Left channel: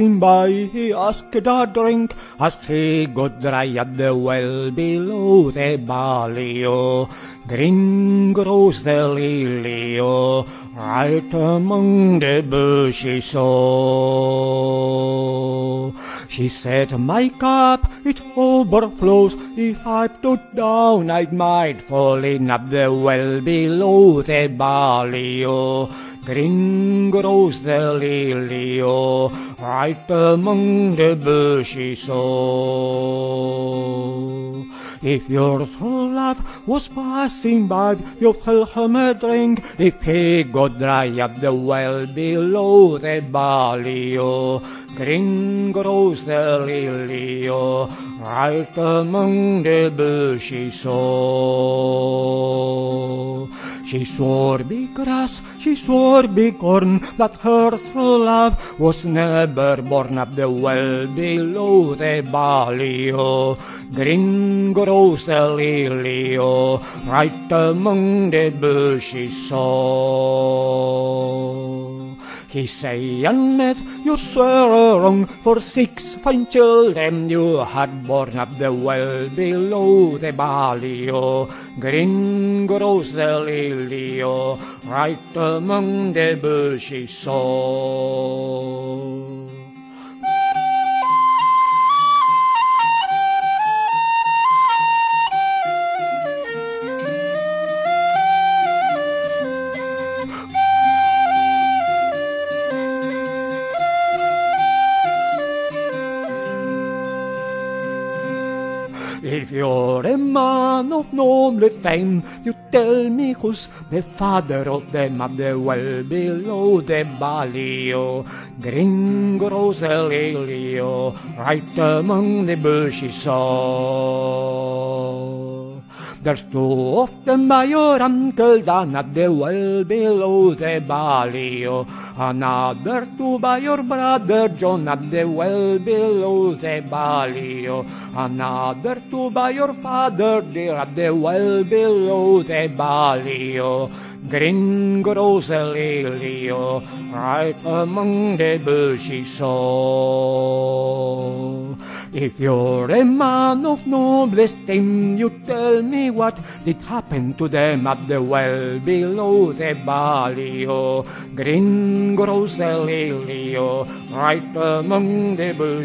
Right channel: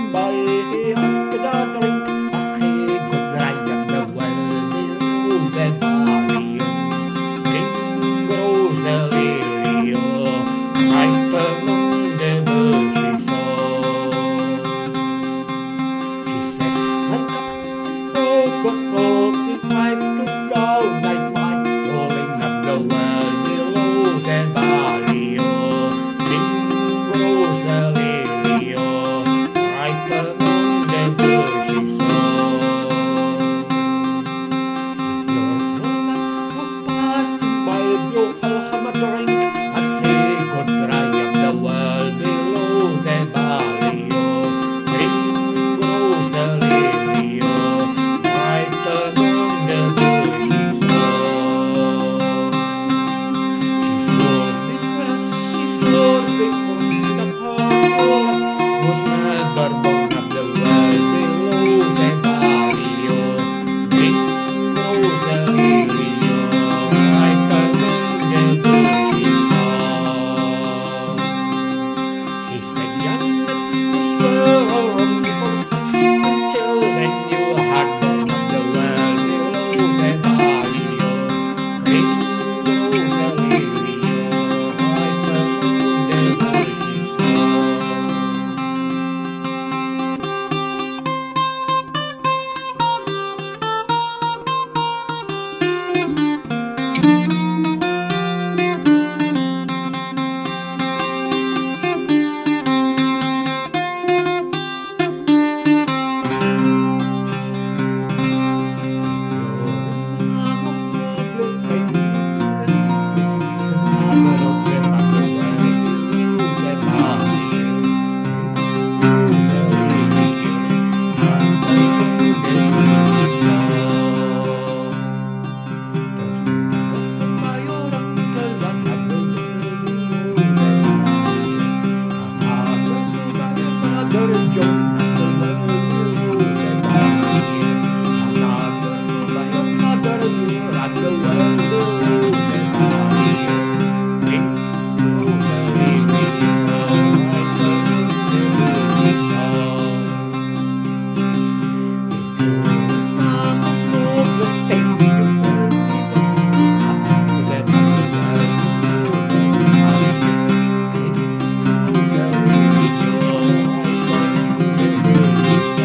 passing by, he asked a drink as he got dry at the well below the barrio. Then grows the lily, right among the bushes. She said, my cup, it overflows. If I put down, I might fall in at the well below the barrio. Then grows the lily, right among the bushes. If your true love was passing by, you pull him a drink. If he got dry at the well below the barrio, then grows the lily, right among the bushes. She saw the grass, she saw the corn, that her true love was never born at the well below the barrio. Then grows the lily, right among the bushes. He said, young man, you were wrong. For 6 fine children you had born at the well below the barrio. Green grows the lily, right among the bushes. Man of noble fame, you tell me who's the father of them at the well below the barrio. Green grows the lily, right among the bushes. There's 2 of them by your uncle down at the well below the barrio. Another 2 by your brother John at the well below the barrio. Another 2 by your father dear at the well below the barrio. Green grows the lily, right among the bushes. If you're a man of noble fame, you tell me what it happened to them at the well below the barrio. Green grows the lily, right among the bushes.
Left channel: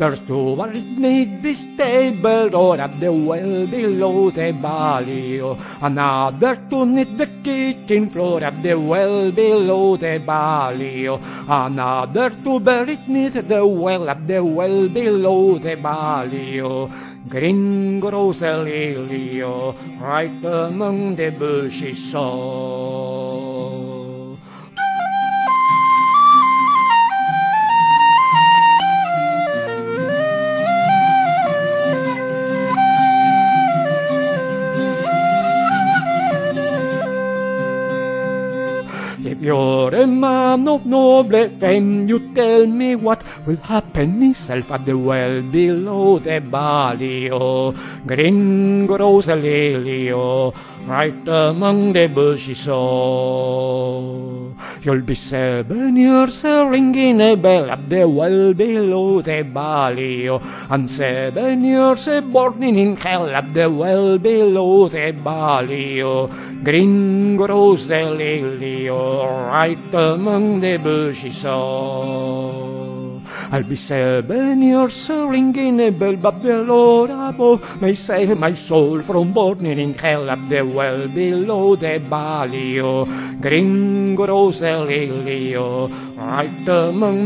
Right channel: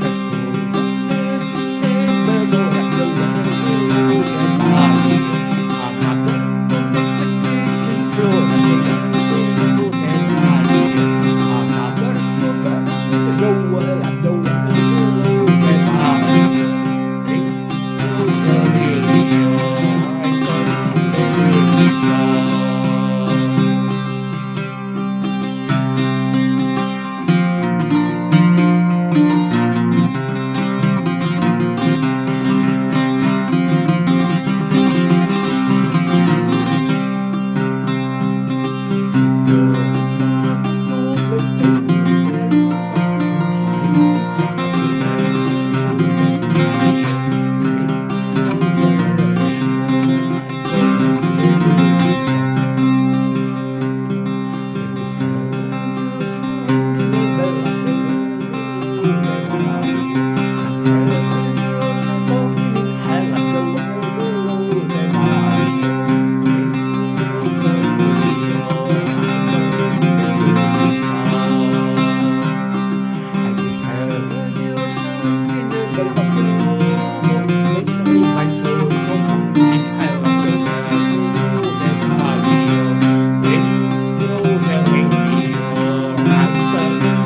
There's 2 one that made the stable door at the well below the barrio. Another 2 knit the kitchen floor at the well below the barrio. Another 2 buried near the well at the well below the barrio. Green grows the lily, right among the bushes. You're a man of noble fame, you tell me what will happen himself at the well below the barrio. Green grows the lily, right among the bushes. You'll be 7 years ringing a bell at the well below the barrio, and 7 years burning in hell at the well below the barrio. Green grows the lily, right among the bushes. I'll be 7 years ringing a bell, but the Lord above may save my soul from burning hell at the well below the barrio. Green grows the lily, right among